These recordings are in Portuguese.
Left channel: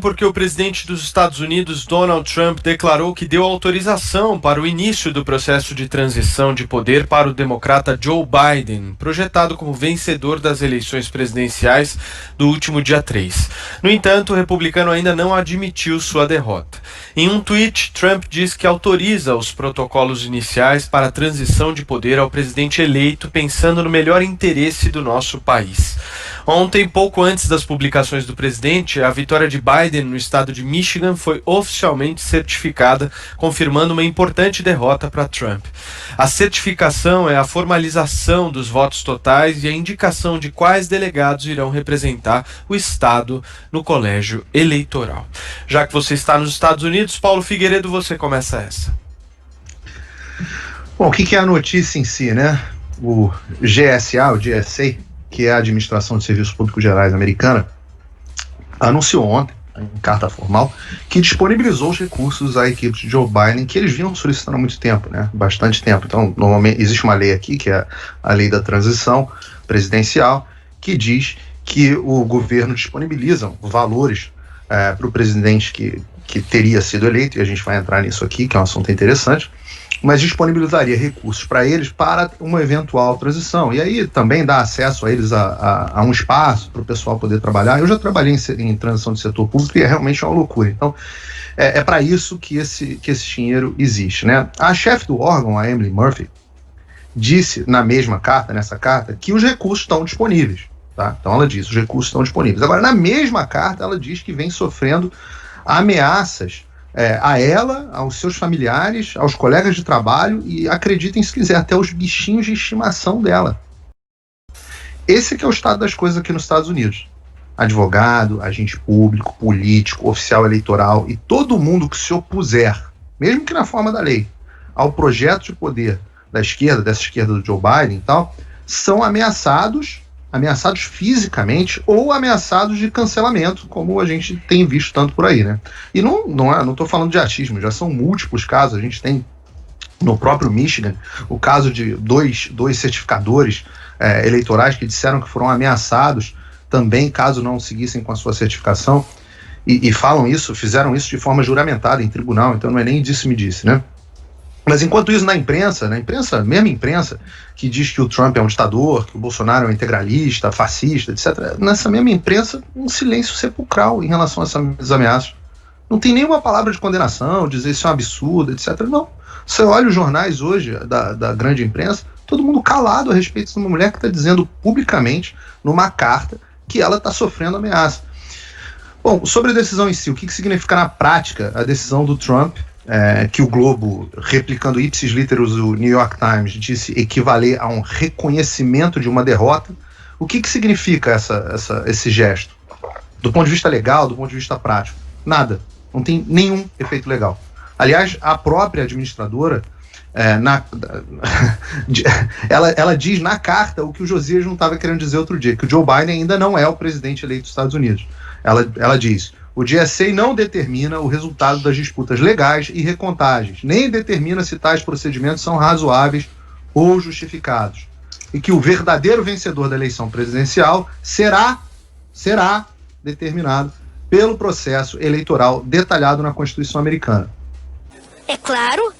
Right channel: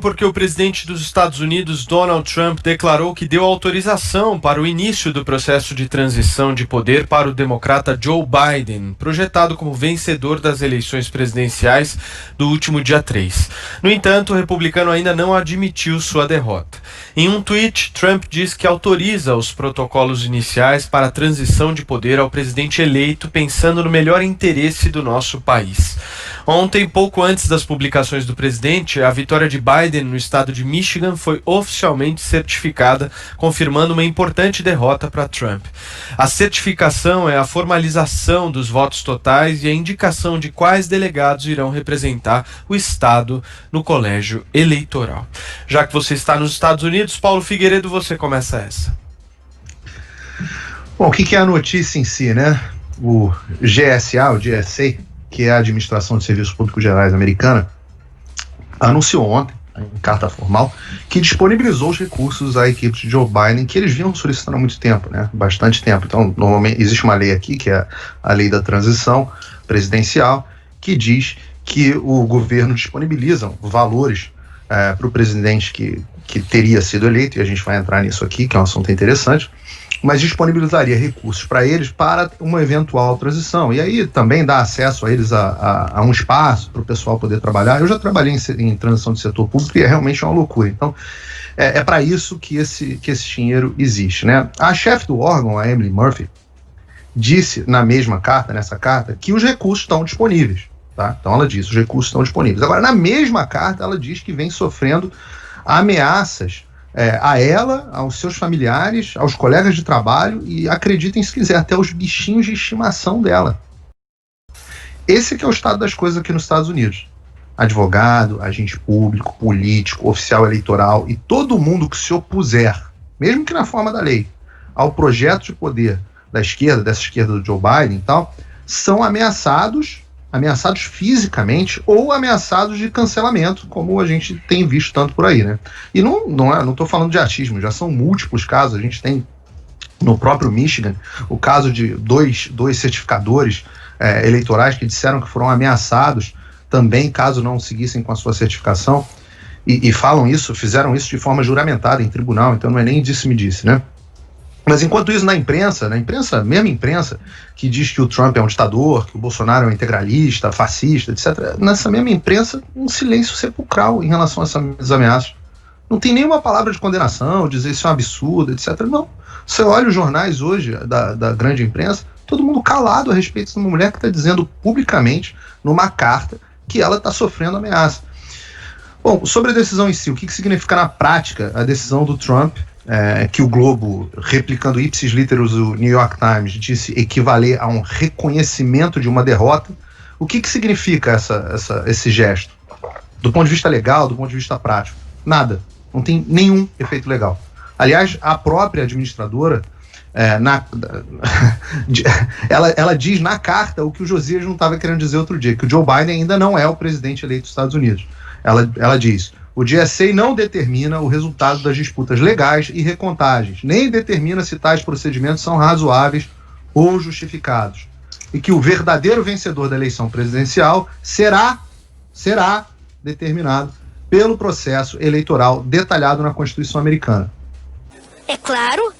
Porque o presidente dos Estados Unidos, Donald Trump, declarou que deu autorização para o início do processo de transição de poder para o democrata Joe Biden, projetado como vencedor das eleições presidenciais do último dia 3. No entanto, o republicano ainda não admitiu sua derrota. Em um tweet, Trump diz que autoriza os protocolos iniciais para a transição de poder ao presidente eleito, pensando no melhor interesse do nosso país. Ontem, pouco antes das publicações do presidente, a vitória de Biden no estado de Michigan foi oficialmente certificada, confirmando uma importante derrota para Trump. A certificação é a formalização dos votos totais e a indicação de quais delegados irão representar o estado no colégio eleitoral. Já que você está nos Estados Unidos, Paulo Figueiredo, você começa essa. Bom, o que é a notícia em si, né? O GSA, o GSA, que é a Administração de Serviços Públicos Gerais americana, anunciou ontem, em carta formal, que disponibilizou os recursos à equipe de Joe Biden, que eles vinham solicitando há muito tempo, né? Bastante tempo. Então, normalmente, existe uma lei aqui, que é a lei da transição presidencial, que diz que o governo disponibiliza valores para o presidente que teria sido eleito, e a gente vai entrar nisso aqui, que é um assunto interessante, mas disponibilizaria recursos para eles para uma eventual transição. E aí também dá acesso a eles a um espaço para o pessoal poder trabalhar. Eu já trabalhei em transição de setor público e é realmente uma loucura. Então, é para isso que esse dinheiro existe, né? A chefe do órgão, a Emily Murphy, disse nessa carta, que os recursos estão disponíveis. Tá? Então ela diz, os recursos estão disponíveis. Agora, na mesma carta, ela diz que vem sofrendo ameaças a ela, aos seus familiares, aos colegas de trabalho e, acreditem se quiser, até os bichinhos de estimação dela. Esse que é o estado das coisas aqui nos Estados Unidos. Advogado, agente público, político, oficial eleitoral e todo mundo que se opuser, mesmo que na forma da lei, ao projeto de poder da esquerda, dessa esquerda do Joe Biden e tal, são ameaçados fisicamente ou ameaçados de cancelamento, como a gente tem visto tanto por aí, né? E não estou falando de achismo, já são múltiplos casos. A gente tem no próprio Michigan o caso de dois certificadores eleitorais que disseram que foram ameaçados também caso não seguissem com a sua certificação e fizeram isso de forma juramentada em tribunal, então não é nem disse-me-disse, né? Mas enquanto isso, na imprensa, mesma imprensa, que diz que o Trump é um ditador, que o Bolsonaro é um integralista, fascista, etc., nessa mesma imprensa, um silêncio sepulcral em relação a essas ameaças. Não tem nenhuma palavra de condenação, dizer isso é um absurdo, etc. Não. Você olha os jornais hoje, da grande imprensa, todo mundo calado a respeito de uma mulher que está dizendo publicamente, numa carta, que ela está sofrendo ameaça. Bom, sobre a decisão em si, o que significa na prática a decisão do Trump, que o Globo, replicando ipsis literis o New York Times, disse equivaler a um reconhecimento de uma derrota? O que significa esse gesto? Do ponto de vista legal, do ponto de vista prático? Nada. Não tem nenhum efeito legal. Aliás, a própria administradora, ela diz na carta o que o Josias não estava querendo dizer outro dia, que o Joe Biden ainda não é o presidente eleito dos Estados Unidos. Ela diz: o GSA não determina o resultado das disputas legais e recontagens, nem determina se tais procedimentos são razoáveis ou justificados. E que o verdadeiro vencedor da eleição presidencial será determinado pelo processo eleitoral detalhado na Constituição americana. É claro.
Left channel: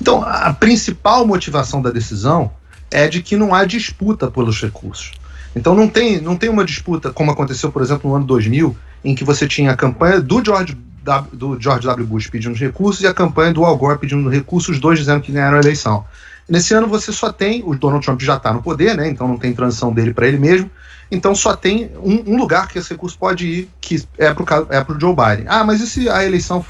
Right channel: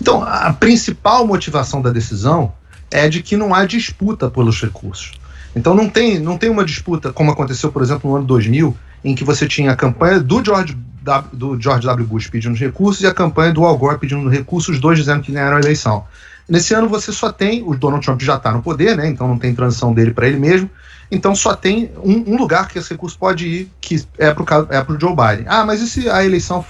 Então, a principal motivação da decisão é de que não há disputa pelos recursos. Então não tem uma disputa, como aconteceu, por exemplo, no ano 2000, em que você tinha a campanha do George W. Bush pedindo recursos e a campanha do Al Gore pedindo recursos, os dois dizendo que ganharam a eleição. Nesse ano você só tem, o Donald Trump já está no poder, né? Então não tem transição dele para ele mesmo, então só tem um lugar que esse recurso pode ir, que é para o Joe Biden. Ah, mas e se a eleição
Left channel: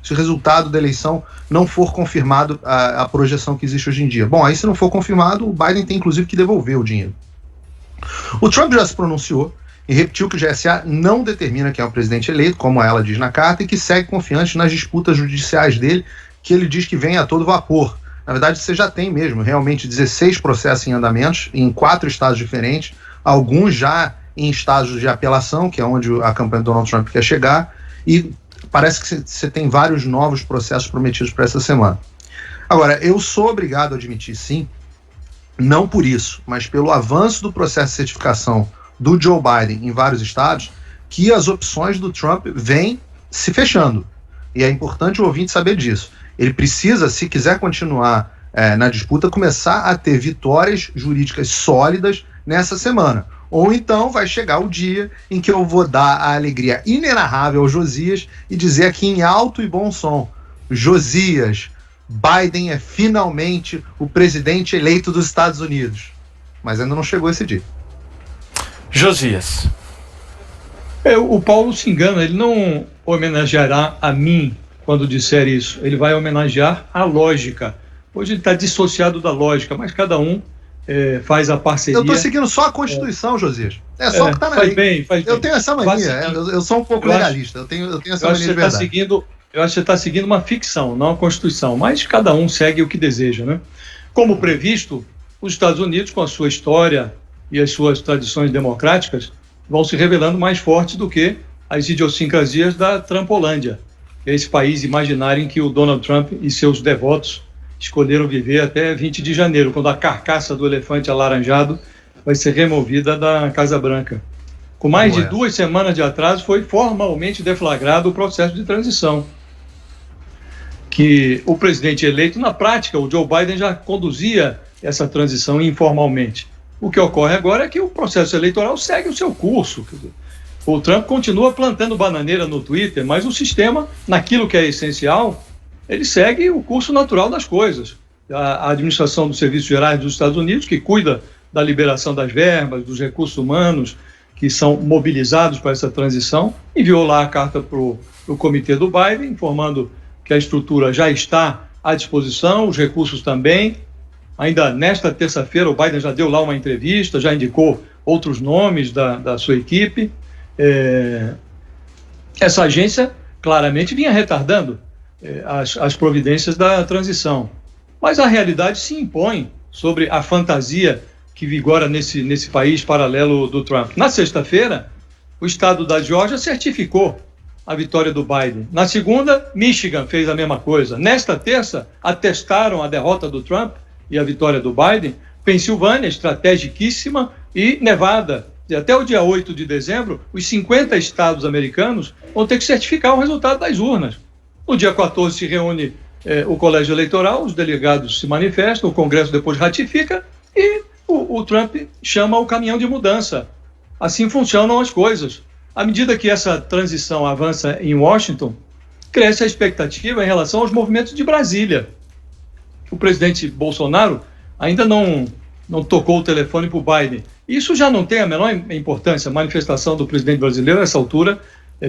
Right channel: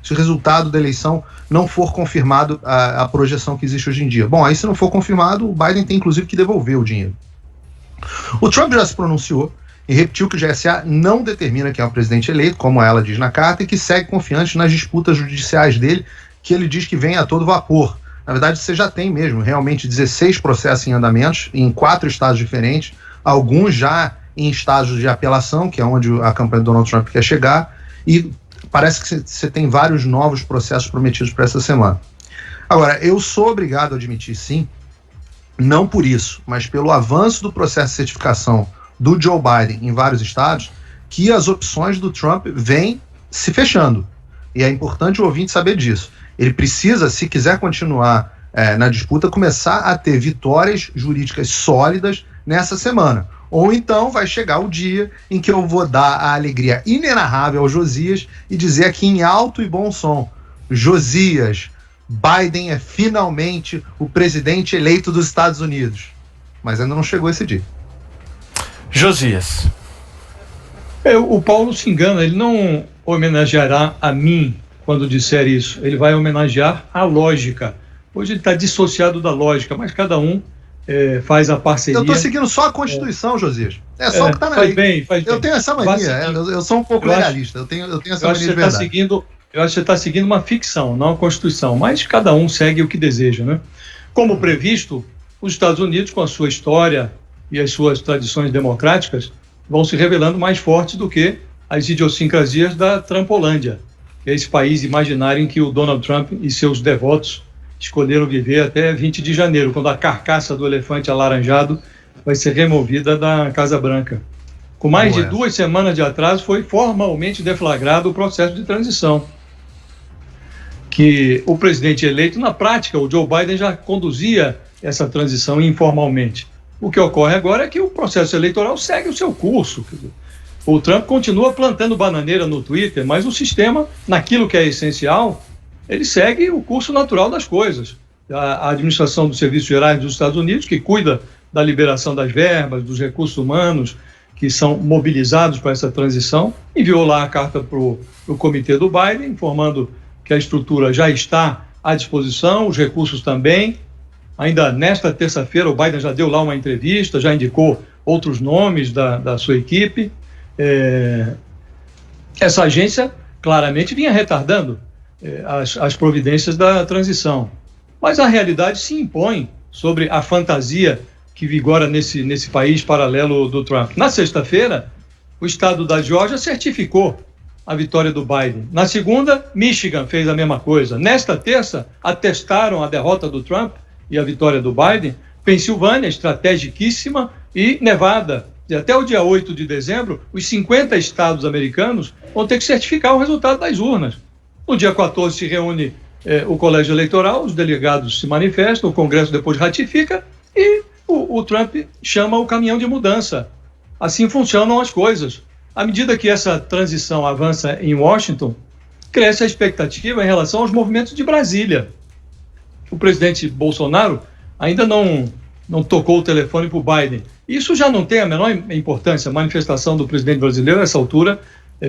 se o resultado da eleição não for confirmado a projeção que existe hoje em dia? Bom, aí se não for confirmado, o Biden tem inclusive que devolver o dinheiro. O Trump já se pronunciou e repetiu que o GSA não determina quem é o presidente eleito, como ela diz na carta, e que segue confiante nas disputas judiciais dele, que ele diz que vem a todo vapor. Na verdade, você já tem mesmo realmente 16 processos em andamentos em 4 estados diferentes, alguns já em estágios de apelação, que é onde a campanha do Donald Trump quer chegar, e parece que você tem vários novos processos prometidos para essa semana. Agora, eu sou obrigado a admitir, sim, não por isso, mas pelo avanço do processo de certificação do Joe Biden em vários estados, que as opções do Trump vêm se fechando. E é importante o ouvinte saber disso. Ele precisa, se quiser continuar na disputa, começar a ter vitórias jurídicas sólidas nessa semana. Ou então vai chegar o dia em que eu vou dar a alegria inenarrável ao Josias e dizer aqui em alto e bom som: Josias, Biden é finalmente o presidente eleito dos Estados Unidos. Mas ainda não chegou esse dia. Josias. O Paulo se engana, ele não homenageará a mim quando disser isso. Ele vai homenagear a lógica. Hoje ele está dissociado da lógica, mas cada um faz a parceria. Eu estou seguindo só a Constituição, Josias. É só o que está na lei. Faz bem. Eu tenho essa mania, eu sou um pouco legalista. Eu tenho essa mania de verdade. Eu acho que você está seguindo uma ficção, não a Constituição, mas cada um segue o que deseja, né? Como previsto, os Estados Unidos, com a sua história e as suas tradições democráticas, vão se revelando mais fortes do que as idiosincrasias da Trumpolândia, que é esse país imaginário em que o Donald Trump e seus devotos escolheram viver até 20 de janeiro, quando a carcaça do elefante alaranjado vai ser removida da Casa Branca. Com mais de 2 semanas de atraso, foi formalmente deflagrado o processo de transição, que o presidente eleito, na prática, o Joe Biden já conduzia essa transição informalmente. O que ocorre agora é que o processo eleitoral segue o seu curso. O Trump continua plantando bananeira no Twitter, mas o sistema, naquilo que é essencial, ele segue o curso natural das coisas. A administração dos Serviços Gerais dos Estados Unidos, que cuida da liberação das verbas, dos recursos humanos que são mobilizados para essa transição, enviou lá a carta para o comitê do Biden, informando que a estrutura já está à disposição, os recursos também. Ainda nesta terça-feira, o Biden já deu lá uma entrevista, já indicou outros nomes da sua equipe. Essa agência claramente vinha retardando as providências da transição. Mas a realidade se impõe sobre a fantasia que vigora nesse país paralelo do Trump. Na sexta-feira, o estado da Geórgia certificou a vitória do Biden. Na segunda, Michigan fez a mesma coisa. Nesta terça, atestaram a derrota do Trump e a vitória do Biden. Pensilvânia, estrategiquíssima, e Nevada. E até o dia 8 de dezembro, os 50 estados americanos vão ter que certificar o resultado das urnas. No dia 14 se reúne o colégio eleitoral, os delegados se manifestam, o Congresso depois ratifica e o Trump chama o caminhão de mudança. Assim funcionam as coisas. À medida que essa transição avança em Washington, cresce a expectativa em relação aos movimentos de Brasília. O presidente Bolsonaro ainda não tocou o telefone para o Biden. Isso já não tem a menor importância. A manifestação do presidente brasileiro, nessa altura,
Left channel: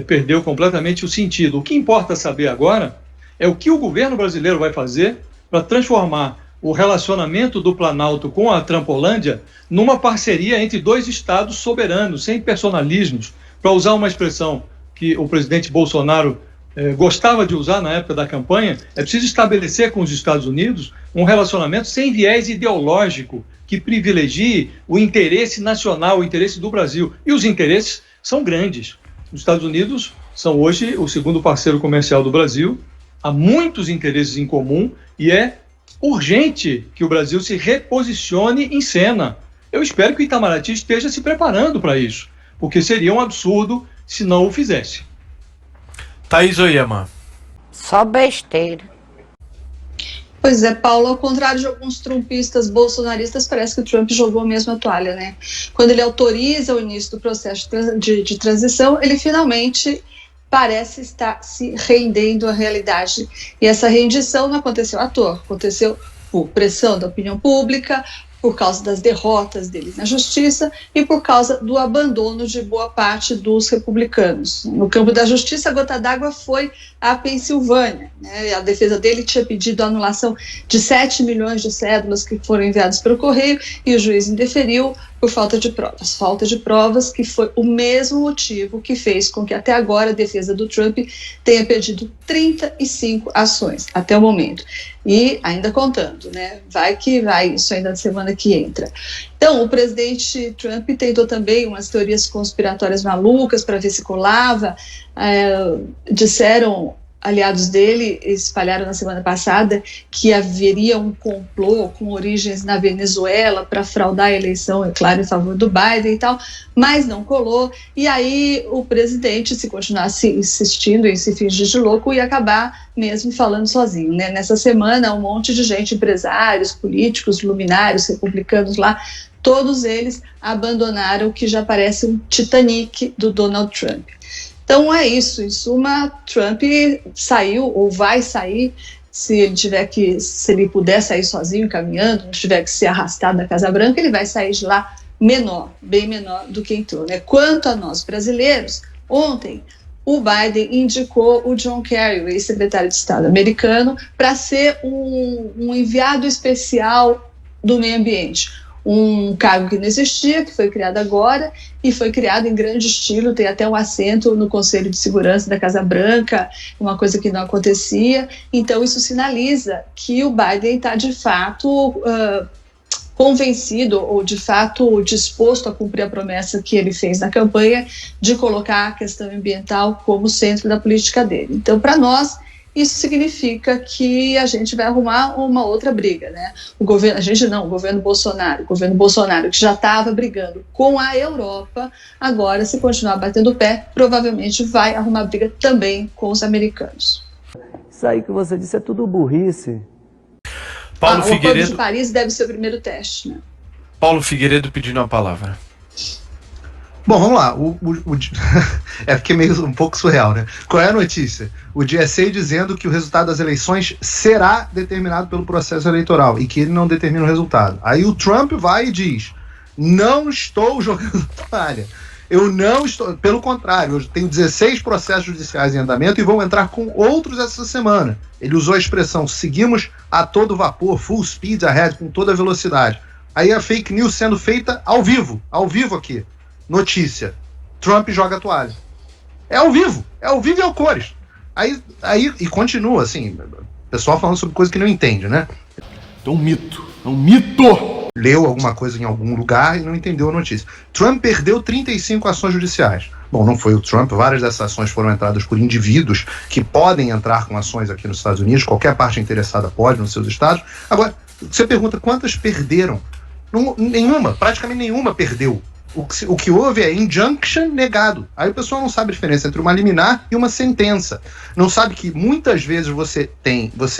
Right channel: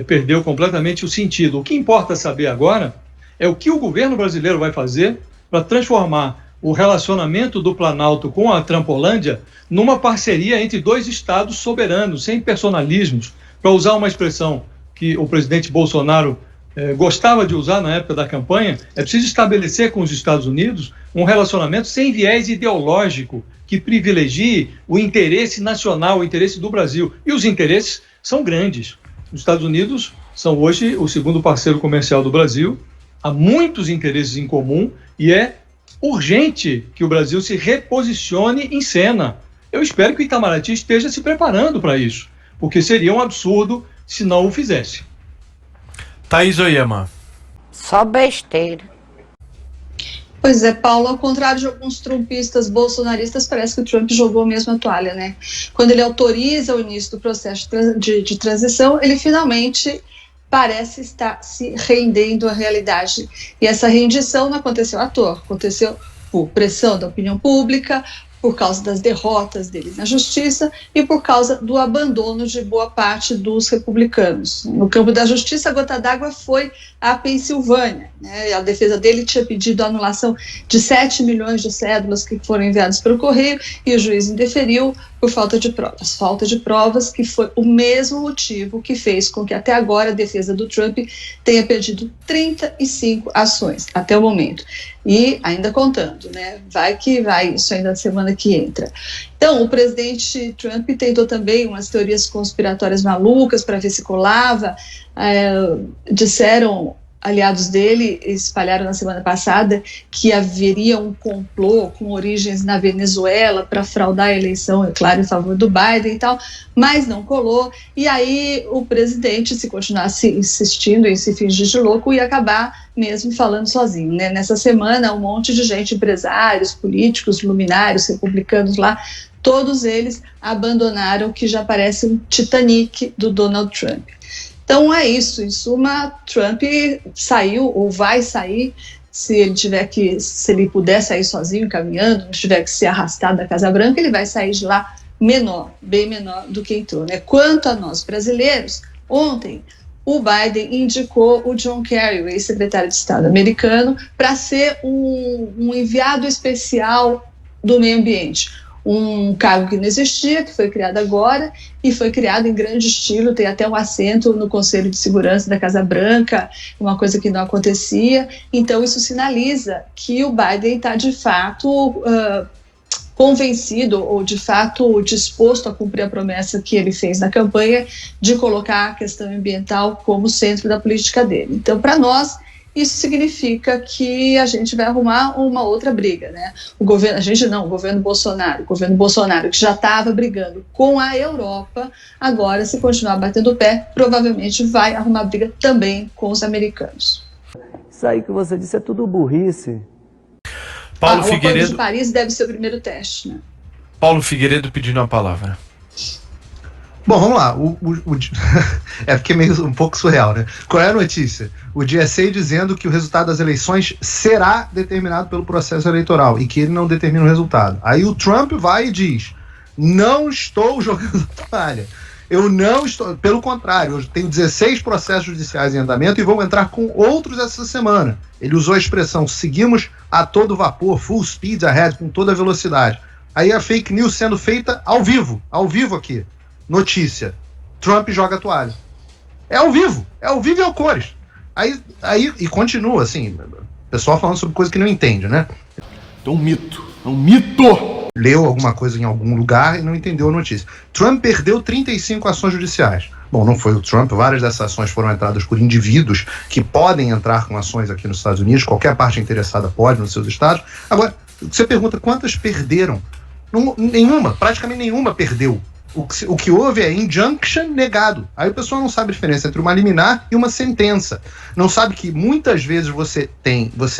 perdeu completamente o sentido. O que importa saber agora é o que o governo brasileiro vai fazer para transformar o relacionamento do Planalto com a Trumpolândia numa parceria entre 2 estados soberanos, sem personalismos. Para usar uma expressão que o presidente Bolsonaro gostava de usar na época da campanha, é preciso estabelecer com os Estados Unidos um relacionamento sem viés ideológico, que privilegie o interesse nacional, o interesse do Brasil. E os interesses são grandes. Os Estados Unidos são hoje o segundo parceiro comercial do Brasil, há muitos interesses em comum e é urgente que o Brasil se reposicione em cena. Eu espero que o Itamaraty esteja se preparando para isso, porque seria um absurdo se não o fizesse. Thaís Oyama. Só besteira. Pois é, Paulo, ao contrário de alguns trumpistas bolsonaristas, parece que o Trump jogou mesmo a toalha, né? Quando ele autoriza o início do processo de transição, ele finalmente parece estar se rendendo à realidade. E essa rendição não aconteceu à toa, aconteceu por pressão da opinião pública, por causa das derrotas deles na justiça e por causa do abandono de boa parte dos republicanos. No campo da justiça, a gota d'água foi a Pensilvânia, né? A defesa dele tinha pedido a anulação de 7 milhões de cédulas que foram enviadas pelo correio e o juiz indeferiu por falta de provas. Falta de provas que foi o mesmo motivo que fez com que até agora a defesa do Trump tenha perdido 35 ações até o momento. E ainda contando, né? Vai que vai, isso ainda na semana que entra. Então, o presidente Trump tentou também umas teorias conspiratórias malucas para ver se colava. Disseram aliados dele espalharam na semana passada que haveria um complô com origens na Venezuela para fraudar a eleição, é claro, em favor do Biden e tal, mas não colou. E aí o presidente, se continuasse insistindo em se fingir de louco, ia acabar mesmo falando sozinho, né? Nessa semana, um monte de gente, empresários, políticos, luminários, republicanos lá, todos eles abandonaram o que já parece um Titanic do Donald Trump. Então é isso, em suma, Trump saiu ou vai sair, se ele puder sair sozinho, caminhando, não tiver que ser arrastado da Casa Branca, ele vai sair de lá menor, bem menor do que entrou, né? Quanto a nós brasileiros, ontem o Biden indicou o John Kerry, o ex-secretário de Estado americano, para ser um enviado especial do meio ambiente. Um cargo que não existia, que foi criado agora e foi criado em grande estilo, tem até um assento no Conselho de Segurança da Casa Branca, uma coisa que não acontecia. Então isso sinaliza que o Biden está de fato convencido ou de fato disposto a cumprir a promessa que ele fez na campanha de colocar a questão ambiental como centro da política dele. Então, para nós, isso significa que a gente vai arrumar uma outra briga, né? O governo Bolsonaro, que já estava brigando com a Europa, agora, se continuar batendo o pé, provavelmente vai arrumar briga também com os americanos. Isso aí que você disse é tudo burrice. Paulo o Figueiredo. Acordo de Paris deve ser o primeiro teste, né? Paulo Figueiredo pedindo a palavra. Bom, vamos lá. É porque é meio um pouco surreal, né? Qual é a notícia? O GSA dizendo que o resultado das eleições será determinado pelo processo eleitoral e que ele não determina o resultado. Aí o Trump vai e diz: não estou jogando toalha. Eu não estou. Pelo contrário, eu tenho 16 processos judiciais em andamento e vou entrar com outros essa semana. Ele usou a expressão: seguimos a todo vapor, full speed ahead, com toda a velocidade. Aí a fake news sendo feita ao vivo aqui. Notícia: Trump joga a toalha. É ao vivo e ao cores. Aí e continua, assim, o pessoal falando sobre coisa que não entende, né? É um mito. Leu alguma coisa em algum lugar e não entendeu a notícia. Trump perdeu 35 ações judiciais. Bom, não foi o Trump, várias dessas ações foram entradas por indivíduos que podem entrar com ações aqui nos Estados Unidos, qualquer parte interessada pode nos seus estados. Agora, você pergunta quantas perderam? Nenhuma, praticamente nenhuma perdeu. O que houve é injunction negado. Aí o pessoal não sabe a diferença entre uma liminar e uma sentença. Não sabe que muitas vezes você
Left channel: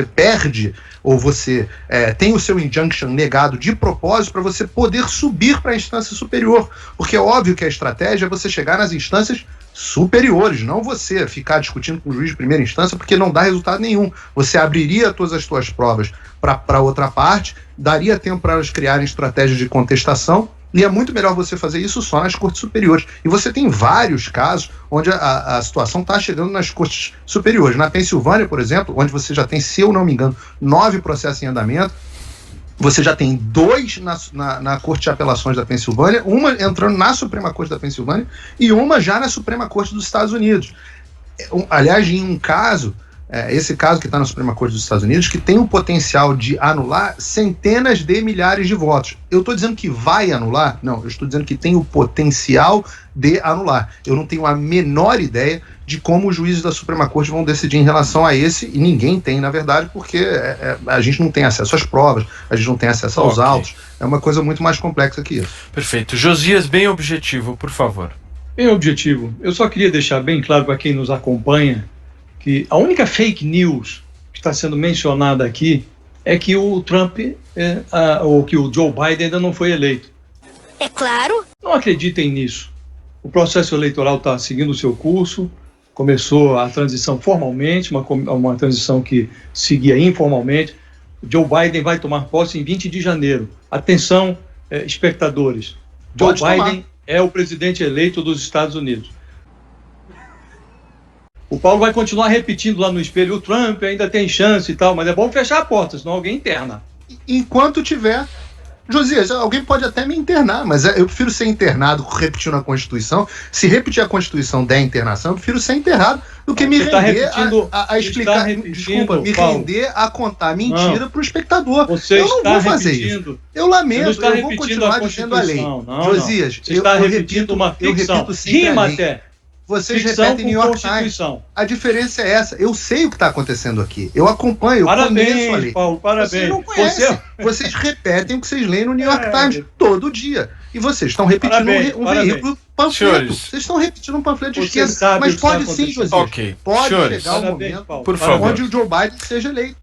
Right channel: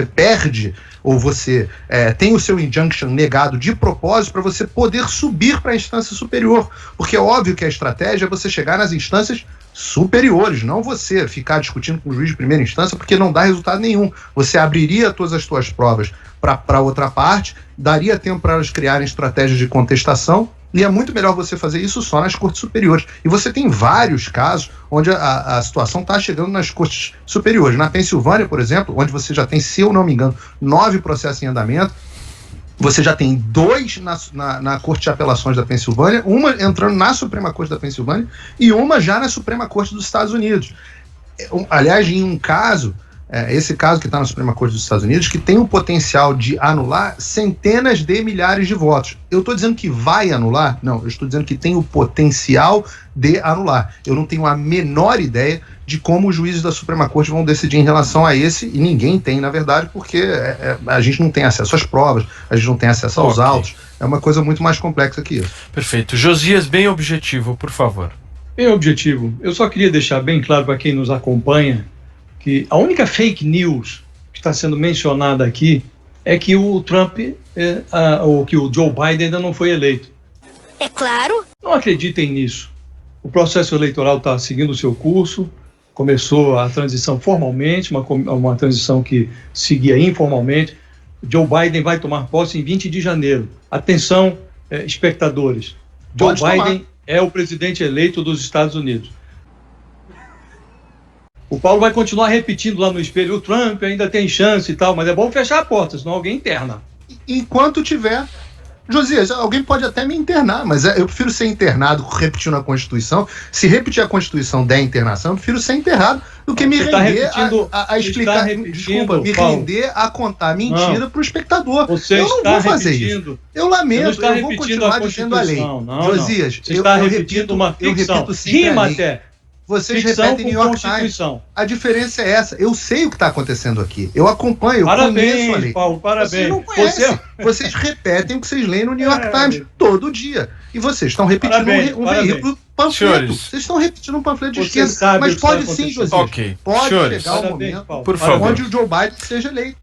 perde ou você tem o seu injunction negado de propósito para você poder subir para a instância superior. Porque é óbvio que a estratégia é você chegar nas instâncias superiores, não você ficar discutindo com o juiz de primeira instância, porque não dá resultado nenhum. Você abriria todas as suas provas para outra parte, daria tempo para elas criarem estratégias de contestação, e é muito melhor você fazer isso só nas cortes superiores. E você tem vários casos onde a situação está chegando nas cortes superiores. Na Pensilvânia, por exemplo, onde você já tem, se eu não me engano, 9 processos em andamento, você já tem 2 na Corte de Apelações da Pensilvânia, uma entrando na Suprema Corte da Pensilvânia e uma já na Suprema Corte dos Estados Unidos. Aliás, em um caso, esse caso que está na Suprema Corte dos Estados Unidos, que tem o potencial de anular centenas de milhares de votos. Eu estou dizendo que vai anular? Não, eu estou dizendo que tem o potencial de anular. Eu não tenho a menor ideia de como os juízes da Suprema Corte vão decidir em relação a esse, e ninguém tem, na verdade, porque a gente não tem acesso às provas, a gente não tem acesso aos autos. É uma coisa muito mais complexa que isso. Perfeito. Josias, bem objetivo, por favor. Bem objetivo. Eu só queria deixar bem claro para quem nos acompanha que a única fake news que está sendo mencionada aqui é que o Trump, ou que o Joe Biden ainda não foi eleito. É claro. Não acreditem nisso. O processo eleitoral está seguindo o seu curso, começou a transição formalmente, uma transição que seguia informalmente. O Joe Biden vai tomar posse em 20 de janeiro. Atenção, espectadores. Joe Biden é o presidente eleito dos Estados Unidos. O Paulo vai continuar repetindo lá no espelho: o Trump ainda tem chance e tal, mas é bom fechar a porta, senão alguém interna. Enquanto tiver... Josias, alguém pode até me internar, mas eu prefiro ser internado repetindo a Constituição. Se repetir a Constituição der internação, eu prefiro ser enterrado do que me render a explicar... Desculpa, me render a contar mentira para o espectador. Eu não vou fazer isso. Eu lamento, eu vou continuar dizendo a lei. Josias, você está repetindo uma ficção. Rima até. Vocês ficção repetem com New York Times. Constituição. A diferença é essa. Eu sei o que está acontecendo aqui. Eu acompanho, eu conheço a Parabéns, lei. Paulo, parabéns. Vocês não conhecem. Vocês repetem o que vocês leem no New York Times todo dia. E vocês estão repetindo um veículo panfleto. Senhores, vocês estão repetindo um panfleto de você esquerda. sabe Mas o que está pode sim, acontecendo. Josias. Ok. Pode Senhores, chegar um parabéns, momento Paulo. por favor. onde o Joe Biden seja eleito.